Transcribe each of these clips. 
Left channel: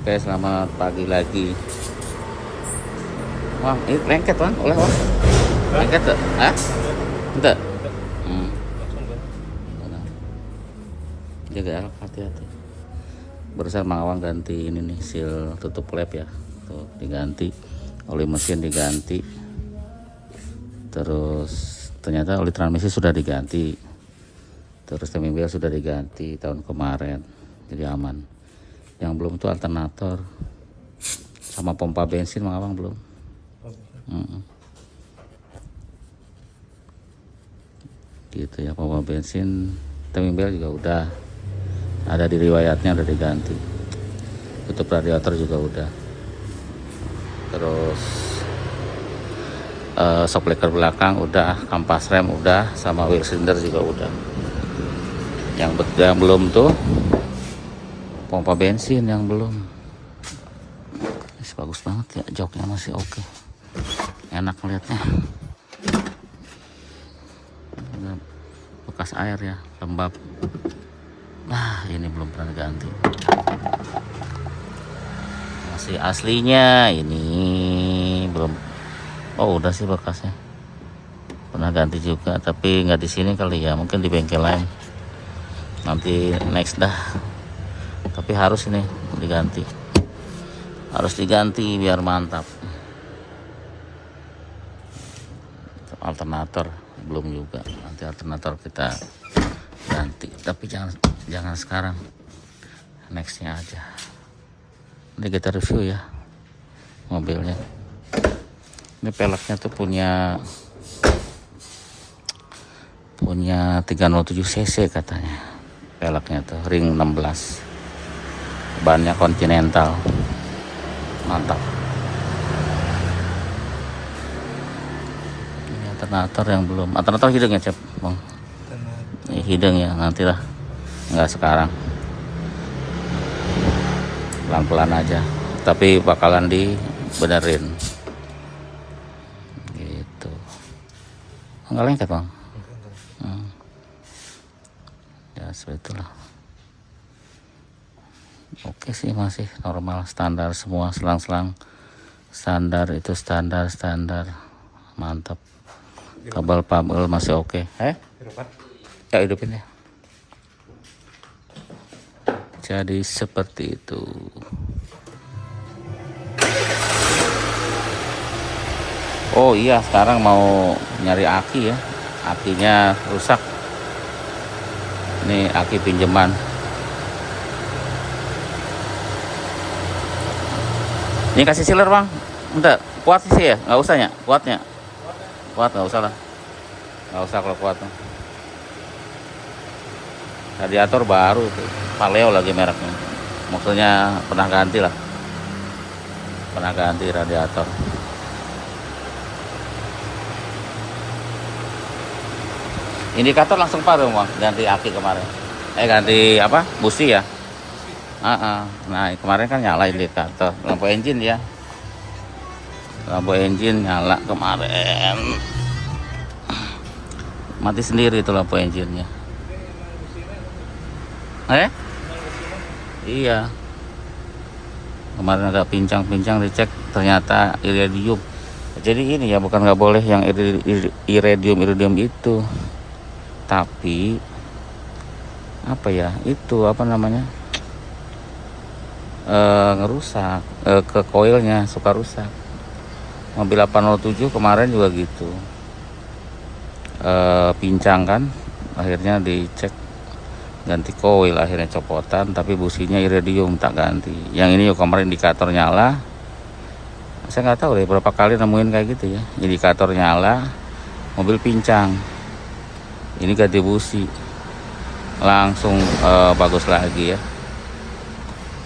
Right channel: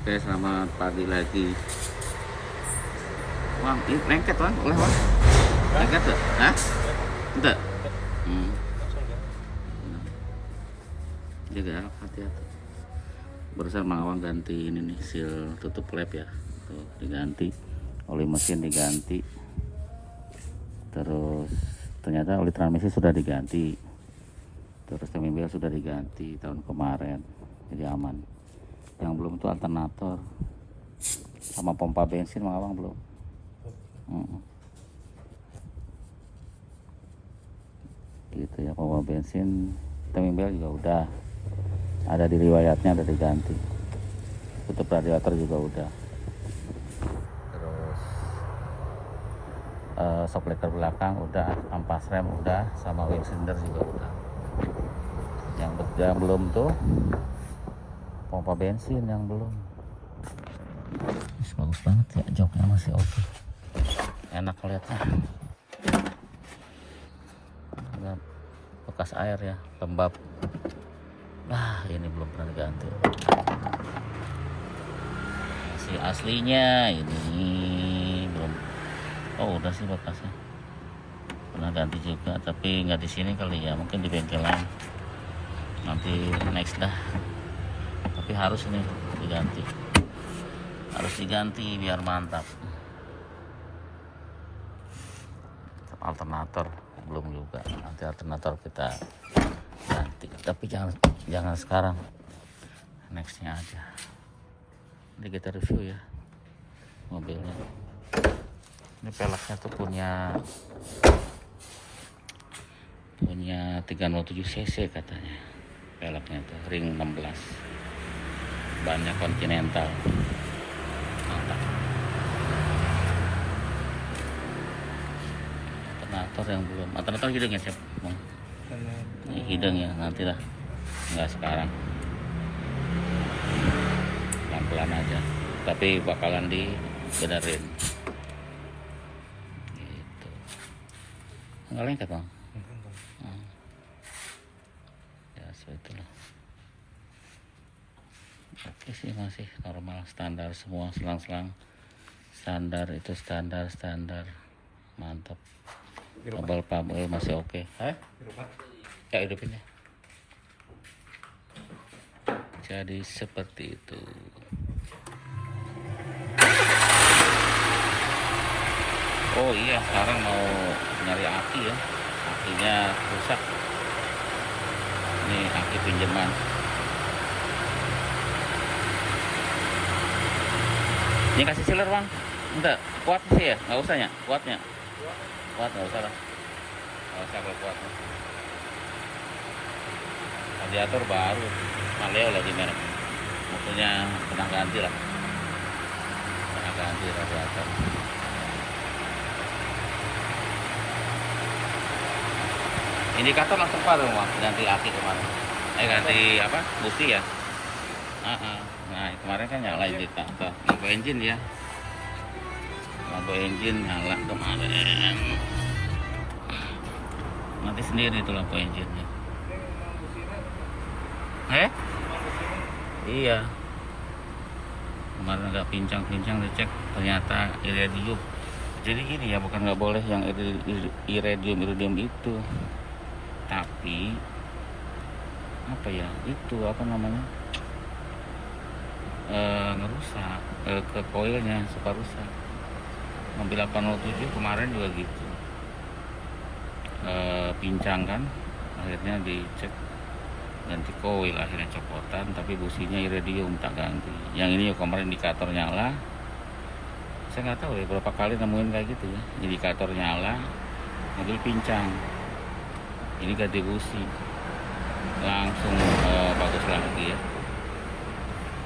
Oke, selamat pagi lagi. Bang, ini lengket bang, oleh bang. Lengket tuh, hah? Enggak. Hmm. Jadi hati-hati. Barusan Mang Awang ganti ini nih, seal tutup lap ya. Tuh, diganti. Oli mesin diganti. Terus ternyata oli transmisi sudah diganti. Terus timing belt sudah diganti tahun kemarin. Jadi aman. Yang belum tuh alternator sama pompa bensin Mang Awang belum. Gitu ya, pompa bensin, timing belt juga udah ada di riwayatnya, udah diganti. Tutup radiator juga udah. Terus shock breaker belakang udah, kampas rem udah, sama wheel cylinder juga udah. Yang belum tuh pompa bensin yang belum. Ini bagus banget ya, joknya masih oke. Enak ngeliatnya. Ada bekas air ya, lembab. Nah, ini belum pernah diganti. Masih aslinya ini belum. Oh, udah sih bekasnya. Pernah ganti juga, tapi nggak di sini kali ya, mungkin di bengkel lain. Nanti next dah. Tapi harus ini diganti. Harus diganti biar mantap. Alternator belum juga. Nanti alternator kita ganti. Tapi jangan sekarang. Nextnya aja. Nanti kita review ya mobilnya. Ini peleknya tuh punya 307 cc katanya. Peleknya tuh ring 16. Bannya Continental. Mantap. Ini alternator yang belum. Alternator hidung ya, Cep, Bang? Ini hidung ya, nantilah. Enggak sekarang. Pelan-pelan aja. Tapi bakalan dibenerin. Gitu. Enggak lengket, Bang? Ya, seperti itulah. Oke sih, masih normal, standar semua, selang-selang standar, itu standar mantap. Kabel pabel masih oke. Ya, hidupin ya. Jadi seperti itu. Oh iya, sekarang mau nyari aki ya. Akinya rusak. Ini aki pinjaman. Ini kasih sealer bang, enggak kuat sih ya, nggak usah ya, kuat nggak usah lah, nggak usah kalau kuat. Radiator baru, Paleo lagi mereknya, maksudnya pernah ganti radiator. Indikator langsung padam bang, ganti aki kemarin, ganti apa, busi ya. Nah kemarin kan nyala indikator, lampu engine ya, lampu engine nyala kemarin, mati sendiri itu lampu engine-nya. Iya, kemarin ada pincang dicek, ternyata iridium. Jadi ini ya, bukan nggak boleh yang iridium itu, tapi apa ya, itu apa namanya, ngerusak, ke koilnya suka rusak. Mobil 807 kemarin juga gitu, pincang kan, akhirnya dicek ganti koil, akhirnya copotan, tapi businya iridium tak ganti. Yang ini kemarin indikator nyala, saya nggak tahu deh berapa kali nemuin kayak gitu ya, indikator nyala mobil pincang, ini ganti busi langsung bagus lagi ya.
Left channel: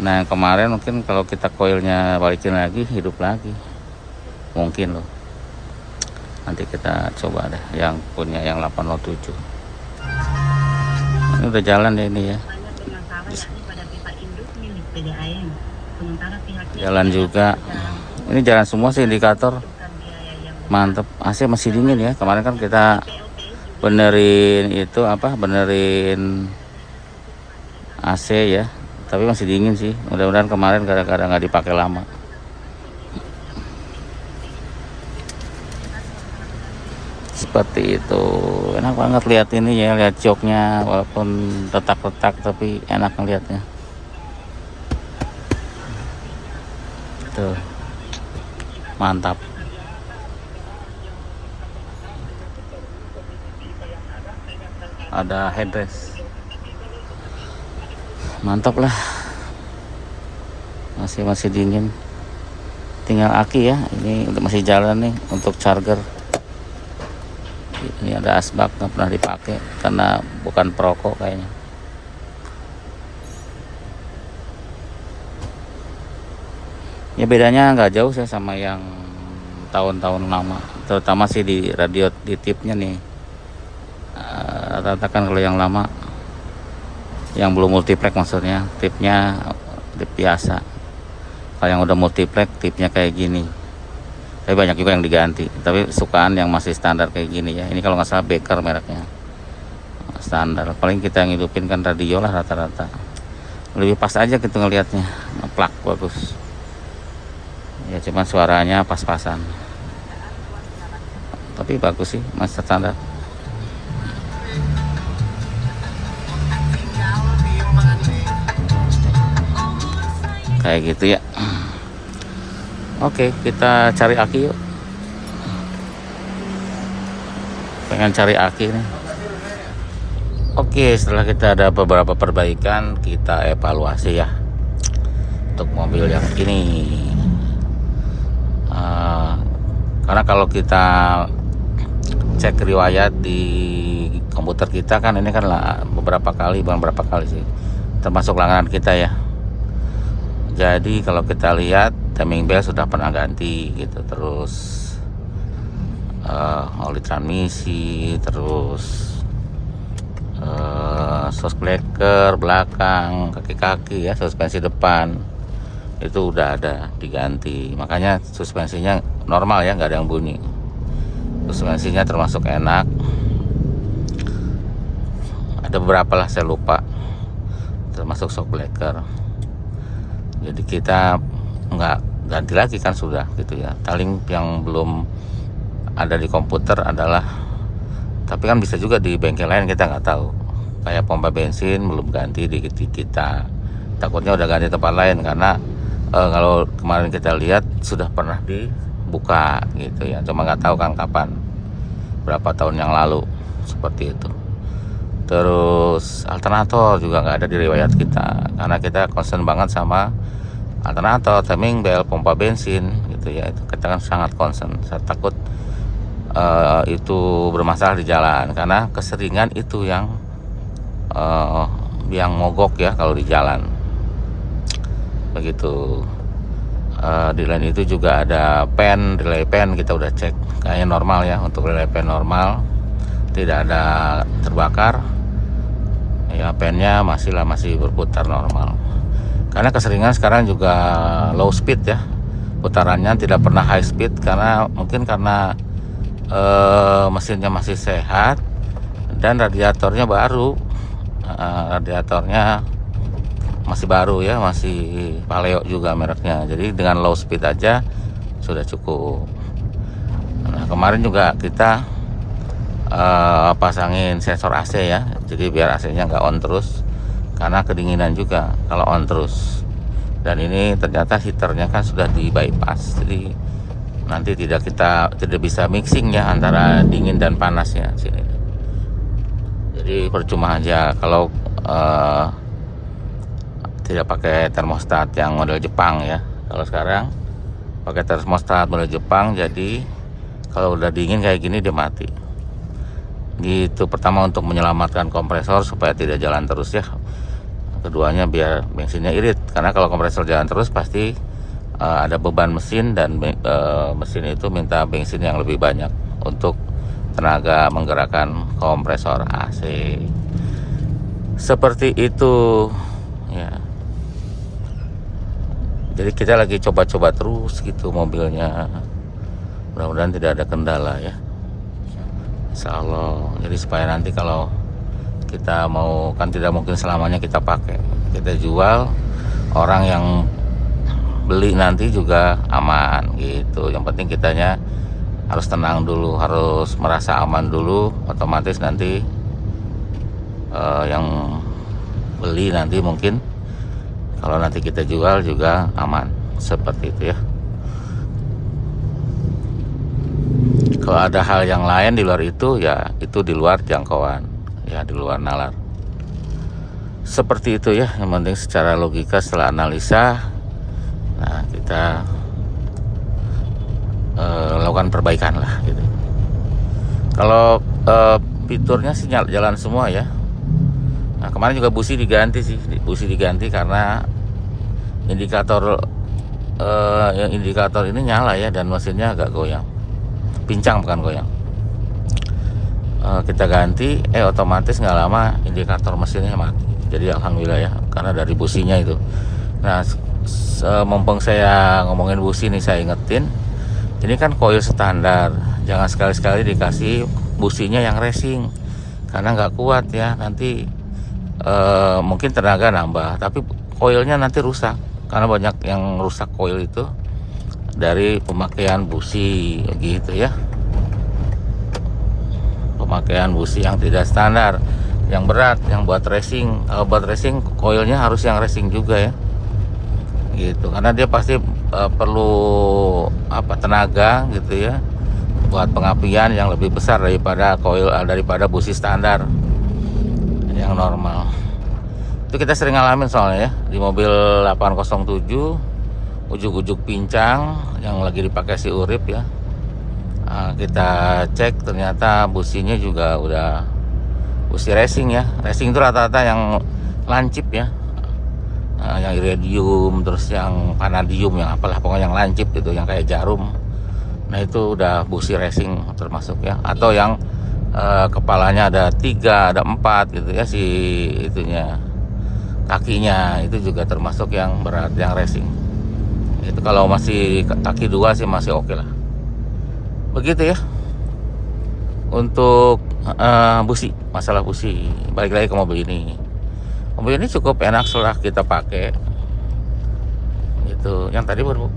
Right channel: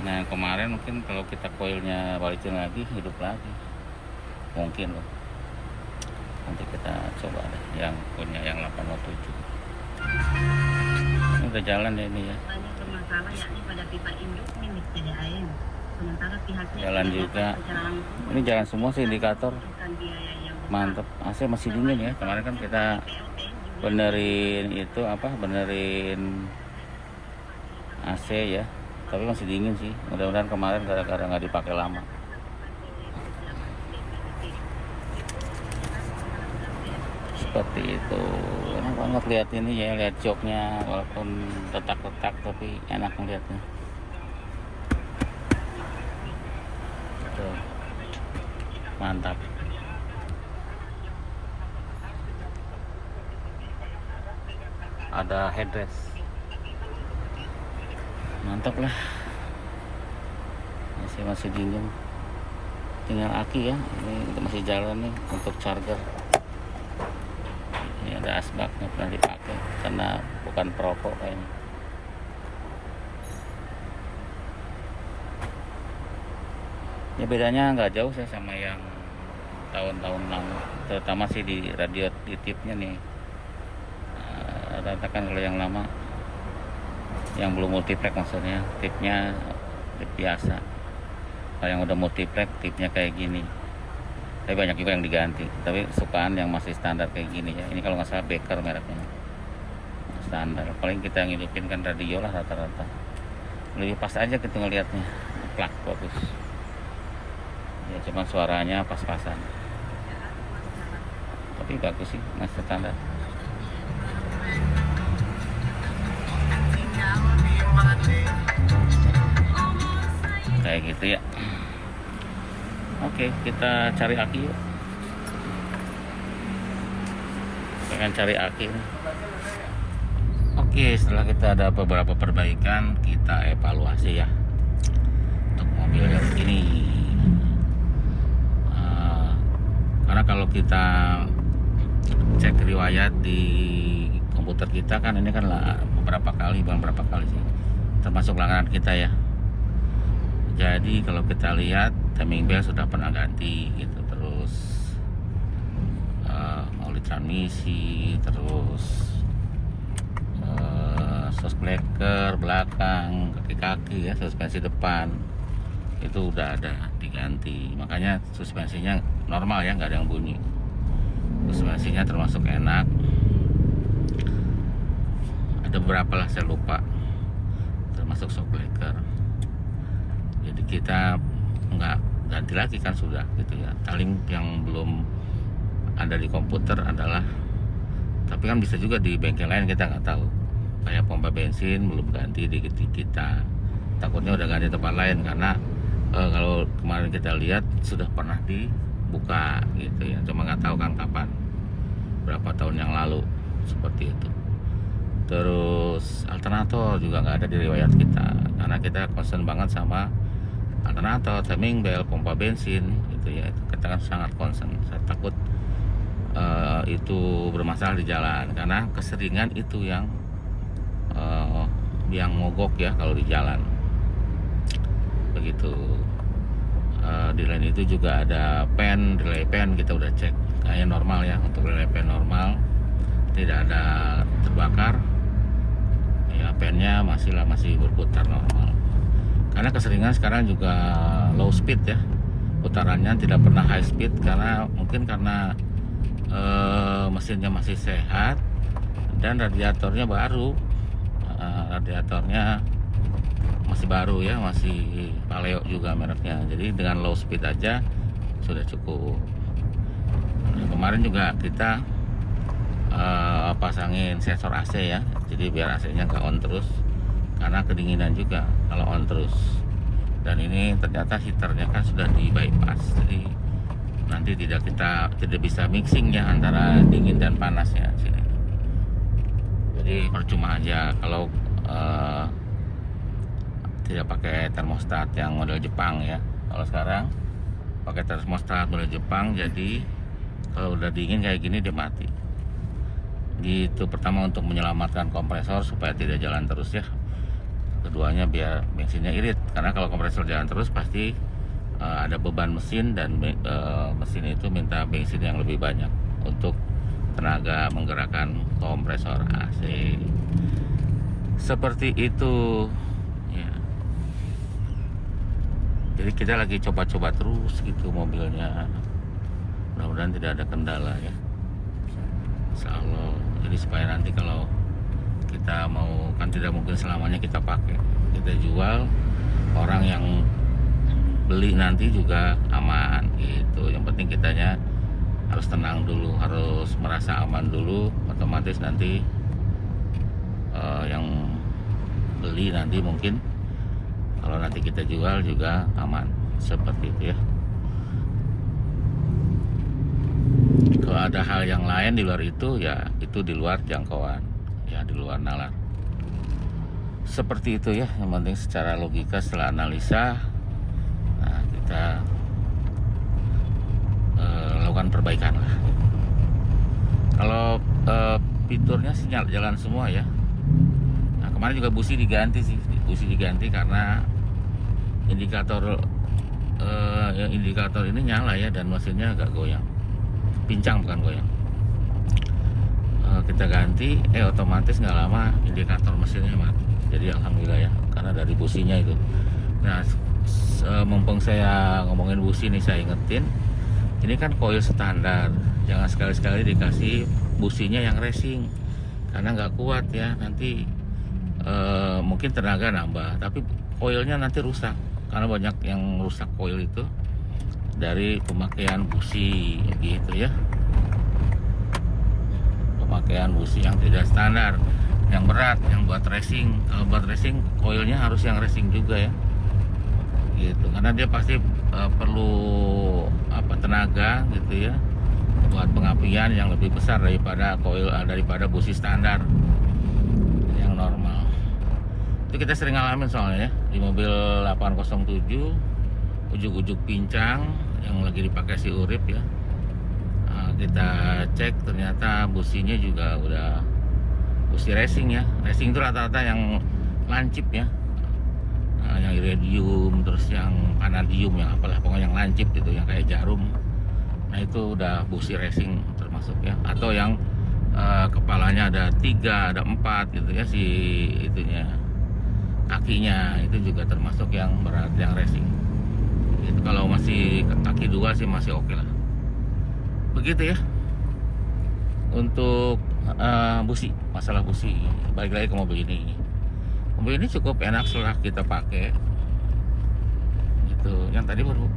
Nah yang kemarin mungkin kalau kita koilnya balikin lagi, hidup lagi mungkin loh. Nanti kita coba deh yang punya yang 807. Ini udah jalan deh ini ya. Jalan juga. Ini jalan semua sih indikator. Mantep. AC masih dingin ya. Kemarin kan kita benerin itu apa? Benerin AC ya. tapi masih dingin sih. Mudah-mudahan kemarin kadang-kadang nggak dipakai lama. Seperti itu. Enak banget lihat ini ya, lihat joknya, walaupun retak-retak tapi enak ngeliatnya. Tuh, mantap. Ada headrest, mantap lah. Masih dingin, tinggal aki ya. Ini masih jalan nih untuk charger. Ini ada asbak, nggak pernah dipakai karena bukan perokok kayaknya. Ya bedanya nggak jauh sih sama yang tahun-tahun lama, terutama sih di radio di tipnya nih. Rata-rata kan kalau yang lama, yang belum multiplek maksudnya, tipnya tip biasa. Kalau yang udah multiplek tipnya kayak gini. Tapi banyak juga yang diganti, tapi sukaan yang masih standar kayak gini ya. Ini kalau nggak salah Baker mereknya, standar. Paling kita yang hidupin kan radio lah rata-rata. Lebih pas aja gitu ngelihatnya, ngeplak bagus. Ya cuman suaranya pas-pasan, tapi bagus sih, masih standar. Kayak gitu ya. Oke, kita cari aki yuk. Pengen cari aki nih. Oke, setelah kita ada beberapa perbaikan, kita evaluasi ya untuk mobil yang ini. Karena kalau kita cek riwayat di komputer kita kan ini kan lah beberapa kali, bukan berapa kali sih, termasuk langganan kita ya. Jadi kalau kita lihat timing belt sudah pernah ganti gitu, terus oli transmisi, terus shockbreaker belakang, kaki-kaki ya, suspensi depan itu udah ada diganti. Makanya suspensinya normal ya, nggak ada yang bunyi. Suspensinya termasuk enak. Ada beberapa lah saya lupa, termasuk shockbreaker. Jadi kita nggak ganti lagi kan sudah gitu ya. Paling yang belum ada di komputer adalah, tapi kan bisa juga di bengkel lain, kita nggak tahu. Kayak pompa bensin belum ganti di kita, takutnya udah ganti tempat lain karena kalau kemarin kita lihat sudah pernah dibuka gitu ya, cuma nggak tahu kan kapan, berapa tahun yang lalu, seperti itu. Terus alternator juga nggak ada di riwayat kita karena kita concern banget sama alternator, timing belt, pompa bensin gitu ya. Itu kita kan sangat concern. Saya takut itu bermasalah di jalan karena keseringan itu yang mogok ya kalau di jalan begitu. Di lain itu juga ada relay pen kita udah cek, kayaknya normal ya. Untuk relay pen normal, tidak ada terbakar ya, pennya masih berputar normal. Karena keseringan sekarang juga low speed ya, putarannya tidak pernah high speed karena mungkin karena mesinnya masih sehat dan radiatornya baru. Radiatornya masih baru ya, masih Paleo juga mereknya. Jadi dengan low speed aja sudah cukup. Nah, kemarin juga kita pasangin sensor AC ya, jadi biar AC-nya nggak on terus karena kedinginan juga kalau on terus. Dan ini ternyata heaternya kan sudah di bypass, jadi nanti tidak bisa mixing ya antara dingin dan panasnya sini. Jadi percuma aja kalau tidak pakai termostat yang model Jepang ya. Kalau sekarang pakai termostat model Jepang, jadi kalau udah dingin kayak gini dia mati gitu. Pertama untuk menyelamatkan kompresor supaya tidak jalan terus ya, keduanya biar bensinnya irit, karena kalau kompresor jalan terus pasti ada beban mesin dan mesin itu minta bensin yang lebih banyak untuk tenaga menggerakkan kompresor AC. Seperti itu ya. Jadi kita lagi coba-coba terus gitu mobilnya, mudah-mudahan tidak ada kendala ya, insya Allah. Jadi supaya nanti kalau kita mau, kan tidak mungkin selamanya kita pakai, kita jual orang yang beli nanti juga aman gitu. Yang penting kitanya harus tenang dulu, harus merasa aman dulu, otomatis nanti yang beli nanti mungkin kalau nanti kita jual juga aman, seperti itu ya. Kalau ada hal yang lain di luar itu, ya itu di luar jangkauan, ya di luar nalar. Seperti itu ya, yang penting secara logika setelah analisa, nah kita lakukan perbaikan lah gitu. Kalau fiturnya sih jalan semua ya. Nah kemarin juga busi diganti sih, karena indikator indikator ini nyala ya, dan mesinnya agak goyang, pincang bukan goyang. Kita ganti, otomatis nggak lama indikator mesinnya mati. Jadi alhamdulillah ya, karena dari businya itu. Nah mumpung saya ngomongin busi nih, saya ingetin, ini kan koil standar, jangan sekali-sekali dikasih businya yang racing, karena nggak kuat ya, nanti mungkin tenaga nambah, tapi koilnya nanti rusak, karena banyak yang rusak koil itu dari pemakaian busi gitu ya, pemakaian busi yang tidak standar, yang berat, yang buat racing. Kalau buat racing koilnya harus yang racing juga ya gitu, karena dia pasti perlu tenaga gitu ya, buat pengapian yang lebih besar daripada koil, daripada busi standar yang normal. Itu kita sering ngalamin soalnya ya, di mobil 807 ujuk-ujuk pincang yang lagi dipakai si Urip ya. Nah, kita cek ternyata businya juga udah busi racing ya. Racing itu rata-rata yang lancip ya, yang iridium, terus yang vanadium, yang apalah pokoknya yang lancip gitu, yang kayak jarum. Nah itu udah busi racing termasuk ya. Atau yang kepalanya ada 3, ada 4 gitu ya, si itunya, kakinya itu juga termasuk yang berat, yang racing. Itu kalau masih kaki 2 sih masih oke lah. Begitu ya untuk busi, masalah busi. Balik lagi ke mobil ini. Mobil ini cukup enak setelah kita pakai. Itu yang tadi baru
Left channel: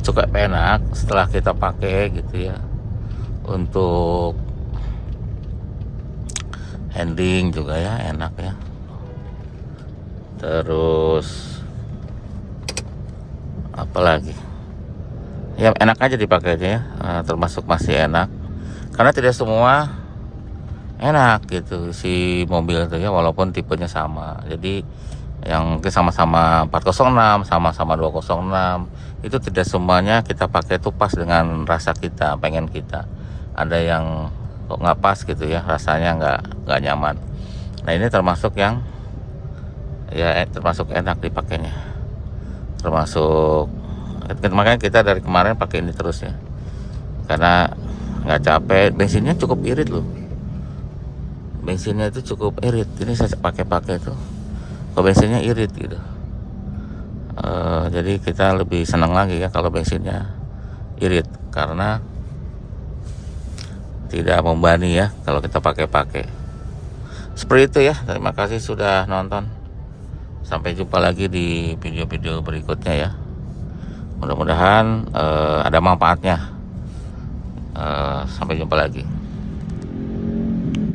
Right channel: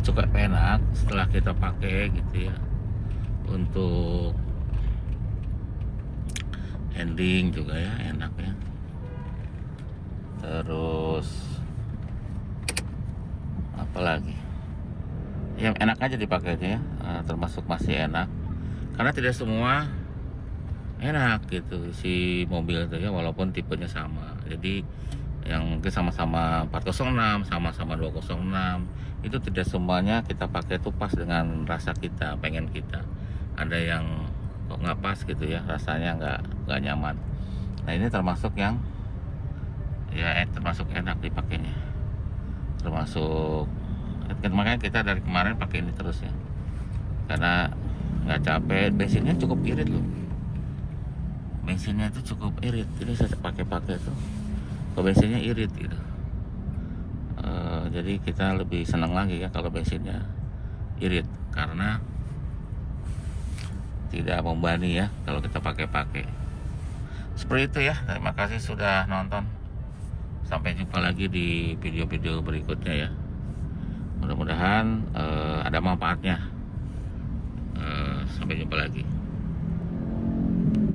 cukup enak setelah kita pakai gitu ya. Untuk handling juga ya enak ya. Terus apalagi ya, enak aja dipakainya ya. Termasuk masih enak, karena tidak semua enak gitu si mobil itu ya, walaupun tipenya sama. Jadi yang sama-sama 406, sama-sama 206, itu tidak semuanya kita pakai itu pas dengan rasa kita, pengen kita. Ada yang kok nggak pas gitu ya, rasanya nggak nyaman. Nah ini termasuk yang ya termasuk enak dipakainya, termasuk, makanya kita dari kemarin pakai ini terus ya, karena nggak capek. Bensinnya cukup irit loh, bensinnya itu cukup irit. Ini saya pakai tuh, kalau bensinnya irit gitu. Jadi kita lebih senang lagi ya kalau bensinnya irit, karena tidak membebani ya kalau kita pakai. Seperti itu ya. Terima kasih sudah nonton. Sampai jumpa lagi di video-video berikutnya ya. Mudah-mudahan ada manfaatnya. Sampai jumpa lagi.